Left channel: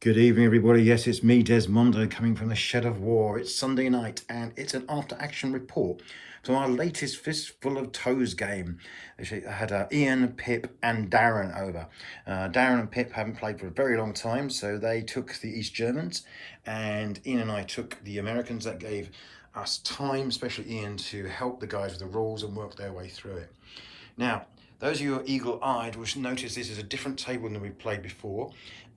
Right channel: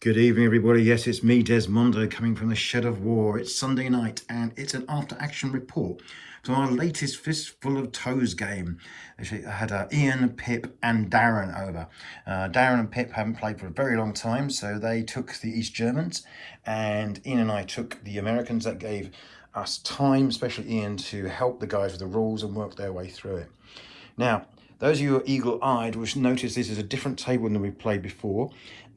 Good evening, everybody. Yes, it's me, Desmondo, coming from the Shed of War. It's Sunday night, and it's an after-action report from our latest Fistful of Tows game. Actually, I had Ian, Pip, and Darren over. Darren and Pip haven't played for a very long time, so they took the East Germans, and Ian and I took the Americans. That gave us time, especially Ian, to help the guys with the rules and work their way through it. Now, those of you who are eagle-eyed will notice this is a different table than we've played before,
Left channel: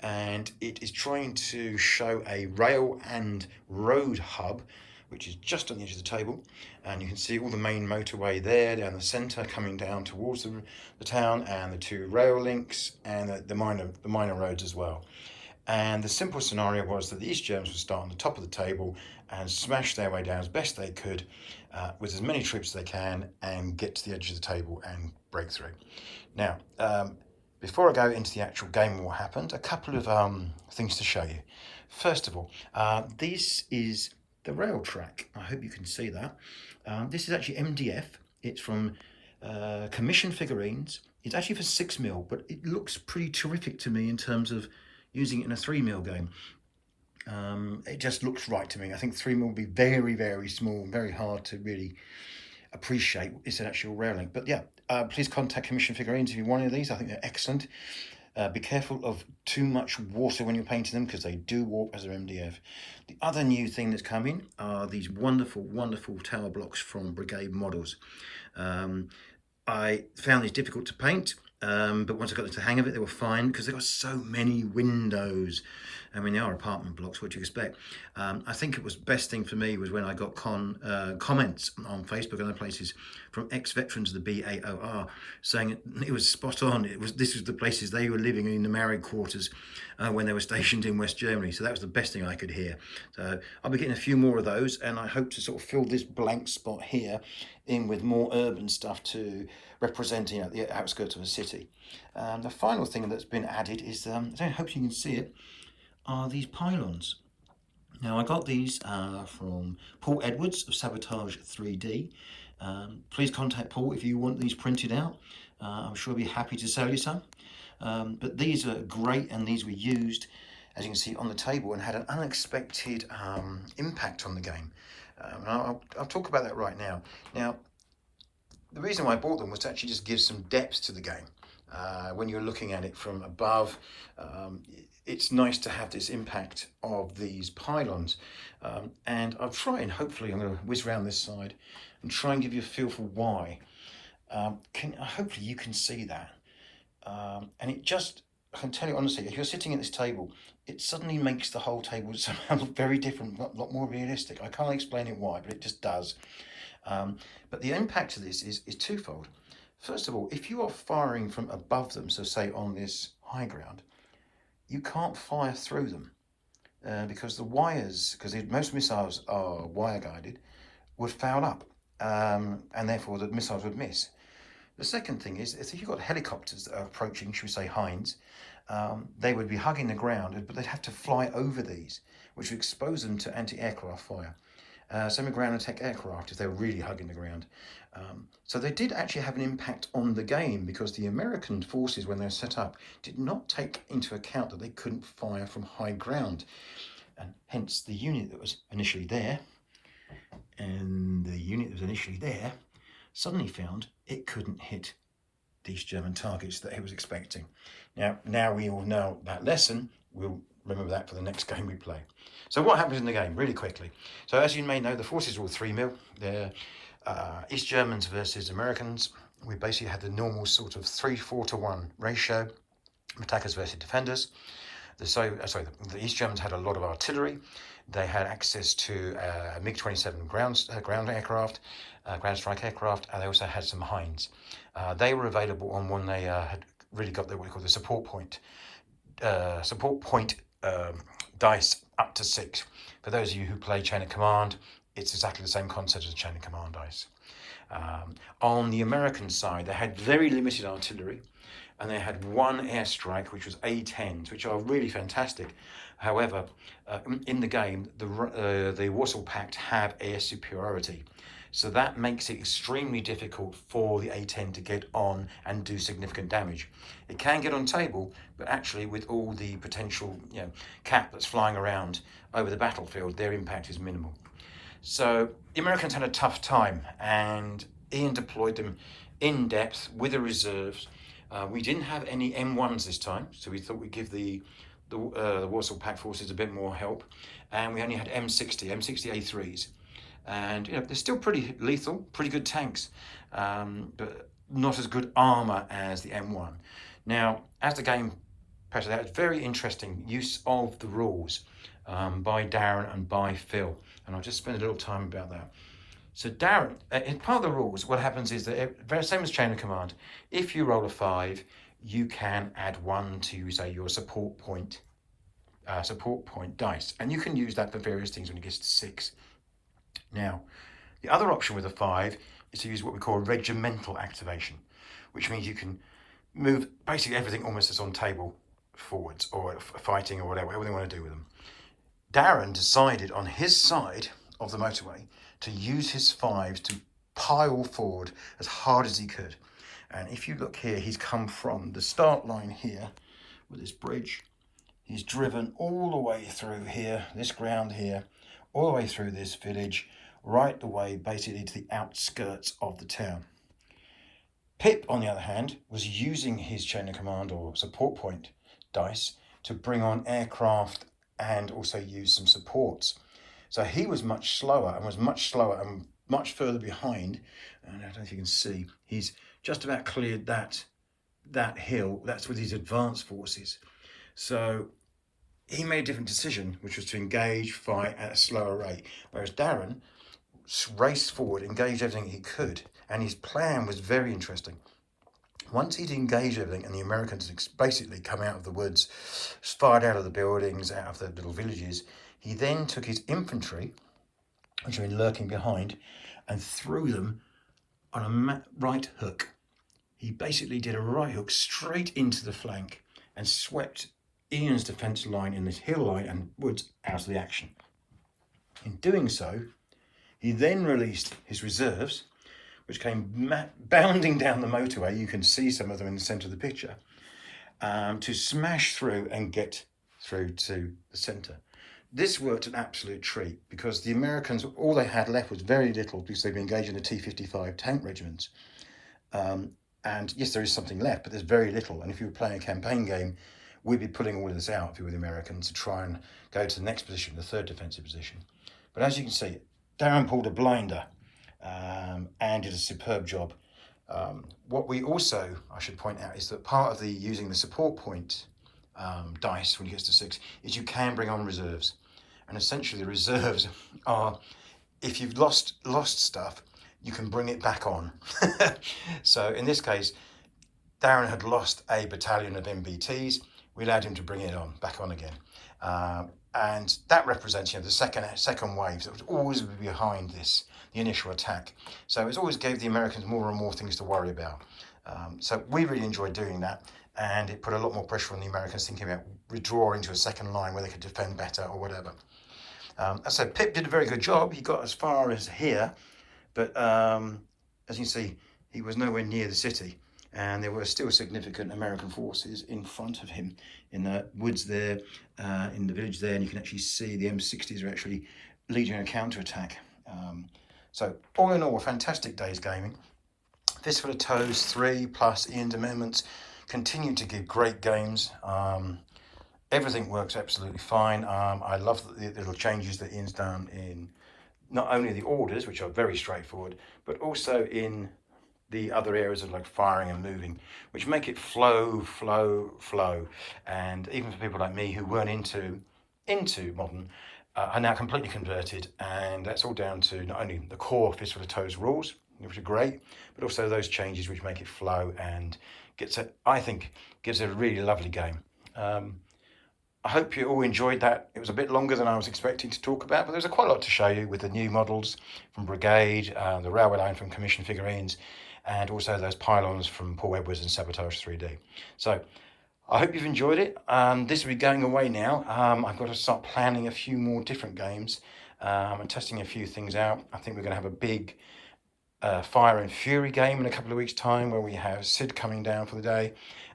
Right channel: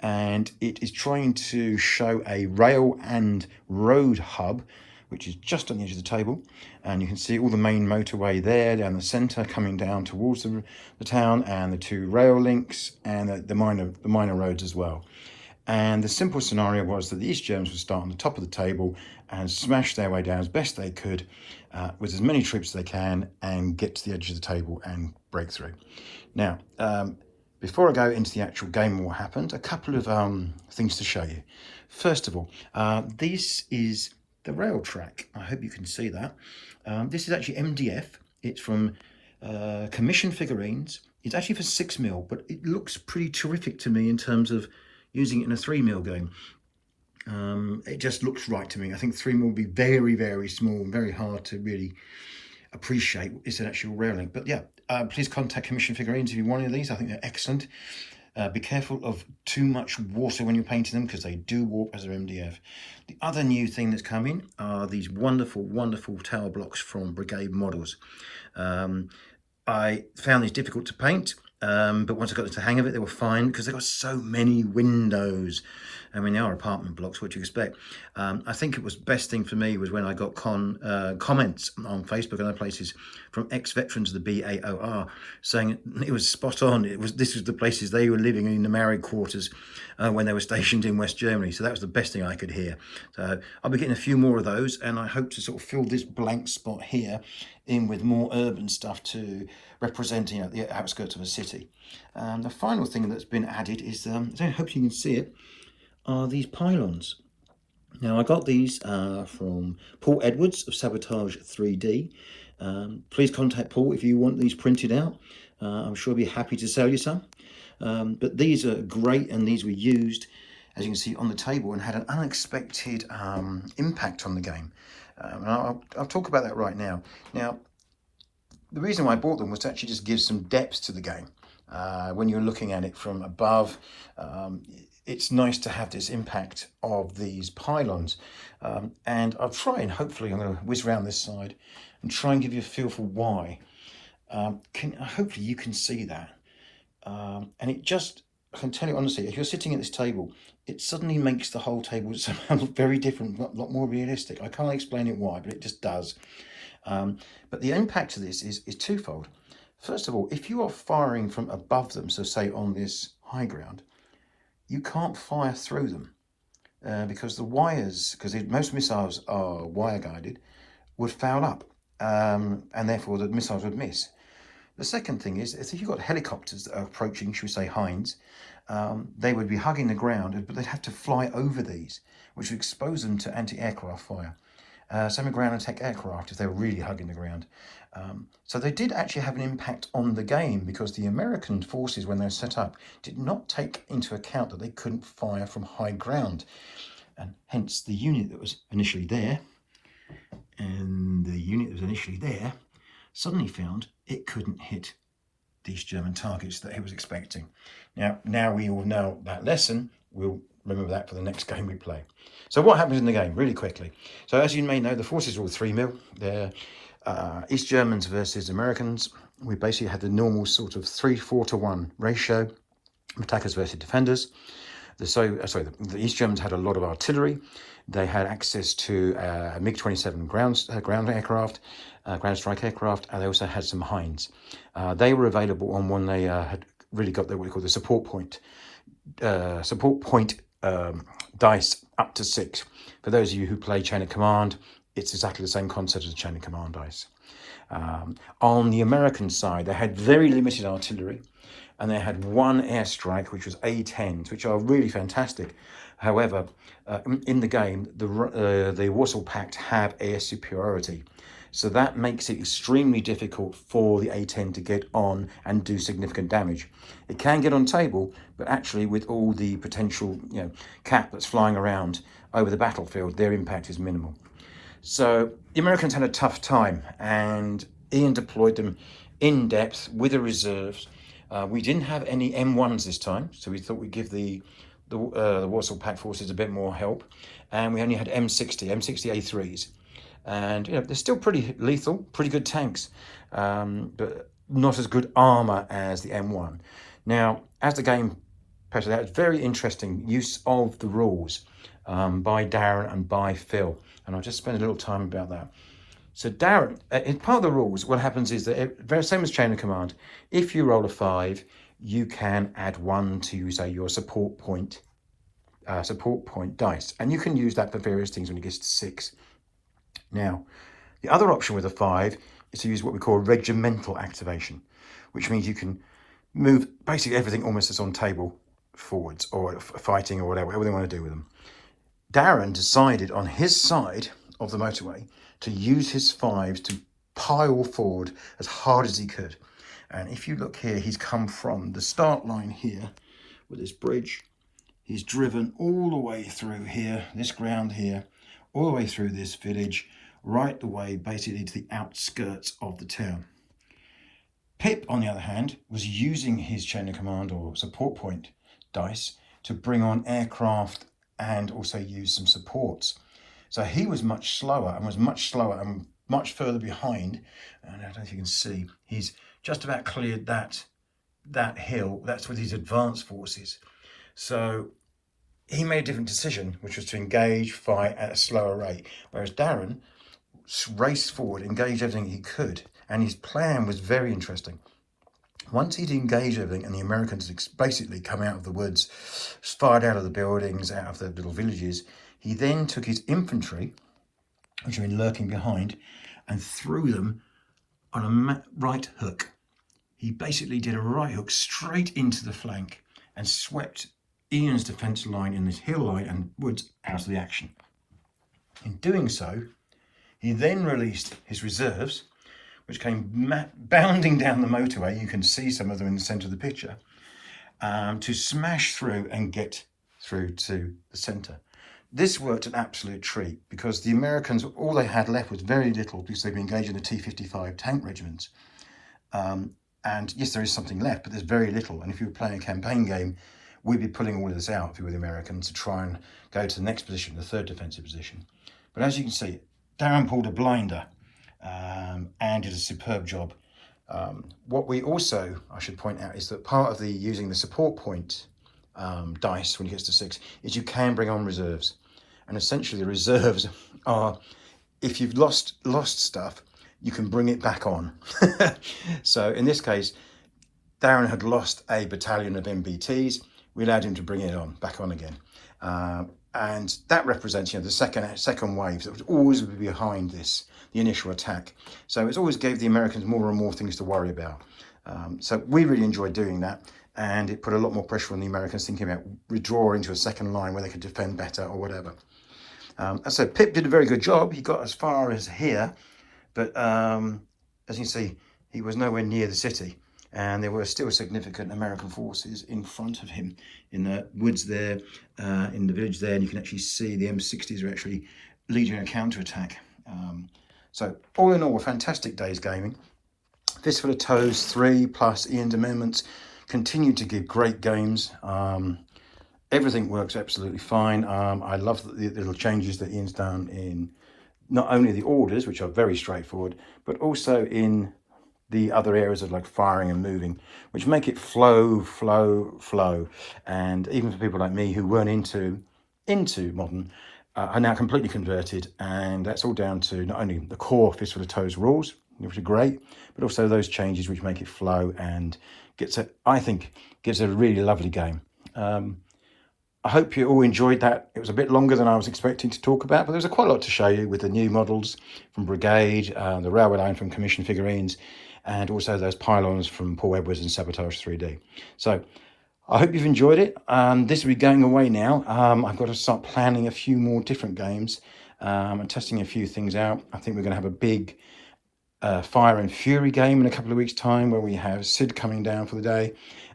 and it is trying to show a rail and road hub, which is just on the edge of the table, and you can see all the main motorway there down the centre coming down towards the town, and the two rail links and the minor roads as well. And the simple scenario was that the East Germans would start on the top of the table and smash their way down as best they could with as many troops as they can and get to the edge of the table and break through. Now, before I go into the actual game and what happened, a couple of things to show you. First of all, this is the rail track. I hope you can see that. This is actually MDF. It's from commissioned figurines. It's actually for 6mm, but it looks pretty terrific to me in terms of using it in a 3mm game. It just looks right to me. I think 3mm will be very, very small and very hard to really appreciate it's an actual rail link. But yeah, please contact Commission Figurines if you want any of these. I think they're excellent. Be careful of too much water when you're painting them because they do warp as an MDF. The other new thing that's coming are these wonderful, wonderful tower blocks from Brigade Models. I found these difficult to paint, but once I got the hang of it, they were fine because they've got so many windows. I mean, they are apartment blocks, what do you expect? I think it was best thing for me was when I got comments on Facebook and other places from ex-veterans of the BAOR saying it was spot on. This was the places they were living in the married quarters when they were stationed in West Germany. So that was the best thing I could hear. So I'll be getting a few more of those, and I hope to sort of fill this blank spot here in with more urban stuff to represent the outskirts of a city. The final thing that's been added is, I hope you can see it, are these pylons. Now I got these from Paul Edwards of Sabotage 3D. Please contact Paul if you want these printed out. I'm sure he'll be happy to sell you some. But these are great, and these were used, as you can see, on the table and had an unexpected impact on the game. And I'll talk about that right now. Now, the reason why I bought them was to actually just give some depth to the game. When you're looking at it from above, it's nice to have this impact of these pylons. And I'll try and hopefully I'm going to whiz around this side and try and give you a feel for why. Hopefully you can see that. And it just, I can tell you honestly, if you're sitting at this table, it suddenly makes the whole table somehow look very different, a lot more realistic. I can't explain it why, but it just does. But the impact of this is twofold. First of all, if you are firing from above them, so say on this high ground, you can't fire through them because the wires, because most missiles are wire guided, would foul up and therefore the missiles would miss. The second thing is if you've got helicopters that are approaching, should we say Hinds, they would be hugging the ground, but they'd have to fly over these, which would expose them to anti-aircraft fire. Same with ground attack aircraft if they were really hugging the ground. So they did actually have an impact on the game because the American forces, when they were set up, did not take into account that they couldn't fire from high ground. And hence the unit that was initially there and the unit that was initially there suddenly found it couldn't hit these German targets that it was expecting. Now we all know that lesson. We'll remember that for the next game we play. So what happens in the game, really quickly? So as you may know, the forces are all 3mm. They're East Germans versus Americans. We basically had the normal sort of 3-4 to 1 ratio, attackers versus defenders. The East Germans had a lot of artillery. They had access to MiG-27 ground aircraft, ground strike aircraft, and they also had some Hinds. They were available on when they had really got what we call the support point dice up to 6. For those of you who play Chain of Command, it's exactly the same concept as Chain of Command dice. On the American side, they had very limited artillery, and they had one airstrike, which was A-10s, which are really fantastic. However, in the game, the Warsaw Pact have air superiority. So that makes it extremely difficult for the A10 to get on and do significant damage. It can get on table, but actually with all the potential, cap that's flying around over the battlefield, their impact is minimal. So the Americans had a tough time, and Ian deployed them in depth with the reserves. We didn't have any M1s this time, so we thought we'd give the Warsaw Pact forces a bit more help, and we only had M60 A3s. And they're still pretty lethal, pretty good tanks, but not as good armor as the M1. Now, as the game passes out, it's very interesting use of the rules by Darren and by Phil, and I'll just spend a little time about that. So Darren, in part of the rules, what happens is that very same as chain of command. If you roll a 5, you can add 1 to, say, your support point dice, and you can use that for various things when it gets to 6. Now, the other option with a 5 is to use what we call regimental activation, which means you can move basically everything almost that's on table forwards, or fighting, or whatever they want to do with them. Darren decided on his side of the motorway to use his 5s to pile forward as hard as he could. And if you look here, he's come from the start line here with this bridge. He's driven all the way through here, this ground here, all the way through this village, right the way basically to the outskirts of the town. Pip, on the other hand, was using his chain of command or support point dice to bring on aircraft and also use some supports. So he was much slower and much further behind. And I don't know if you can see, he's just about cleared that hill. That's with his advanced forces. So he made a different decision, which was to engage, fight at a slower rate. Whereas Darren raced forward, engaged everything he could, and his plan was very interesting. Once he'd engaged everything and the Americans basically come out of the woods, fired out of the buildings, out of the little villages, he then took his infantry, which had been lurking behind, and threw them on a right hook. He basically did a right hook straight into the flank and swept Ian's defence line in this hill line and woods out of the action. In doing so, he then released his reserves, which came bounding down the motorway. You can see some of them in the centre of the picture, to smash through and get through to the centre. This worked an absolute treat because the Americans, all they had left was very little because they've been engaged in the T-55 tank regiments. And yes, there is something left, but there's very little. And if you were playing a campaign game, we'd be pulling all of this out if you were the Americans to try and go to the next position, the third defensive position. But as you can see, Darren pulled a blinder and did a superb job. What we also, I should point out, is that part of the using the support point dice when it gets to 6 is you can bring on reserves. And essentially the reserves are, if you've lost stuff, you can bring it back on. So in this case, Darren had lost a battalion of MBTs. We allowed him to bring it back on again. And that represents, the second wave that was always behind this, the initial attack. So it always gave the Americans more and more things to worry about. So we really enjoyed doing that, and it put a lot more pressure on the Americans thinking about withdrawing to a second line where they could defend better or whatever. So Pip did a very good job. He got as far as here, but as you can see, he was nowhere near the city. And there were still significant American forces in front of him in the woods there, in the village there, and you can actually see the M60s are actually leading a counterattack. So all in all, a fantastic day's gaming. Fistful of Tows 3 plus Ian's amendments continue to give great games. Everything works absolutely fine. I love the little changes that Ian's done in not only the orders, which are very straightforward, but also in the other areas of like firing and moving, which make it flow. And even for people like me who weren't into modern, are now completely converted. And that's all down to not only the core Fistful of Tows rules, which are great, but also those changes which make it flow and I think gives a really lovely game. I hope you all enjoyed that. It was a bit longer than I was expecting to talk about, but there's quite a lot to show you with the new models from Brigade, the railway line from Commission Figurines, and also those pylons from Paul Edwards and Sabotage 3D. So I hope you've enjoyed it. This will be going away now. I've got to start planning a few more different games and testing a few things out. I think we're going to have a big Fire and Fury game in a couple of weeks' time, where we have Sid coming down for the day.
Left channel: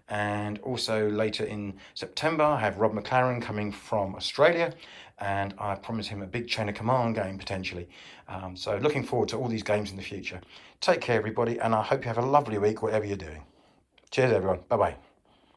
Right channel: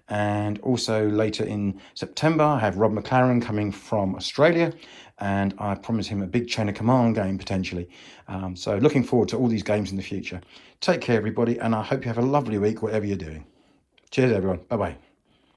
And also later in September, I have Rob McLaren coming from Australia, and I promise him a big Chain of Command game potentially. So looking forward to all these games in the future. Take care, everybody, and I hope you have a lovely week, whatever you're doing. Cheers, everyone. Bye-bye.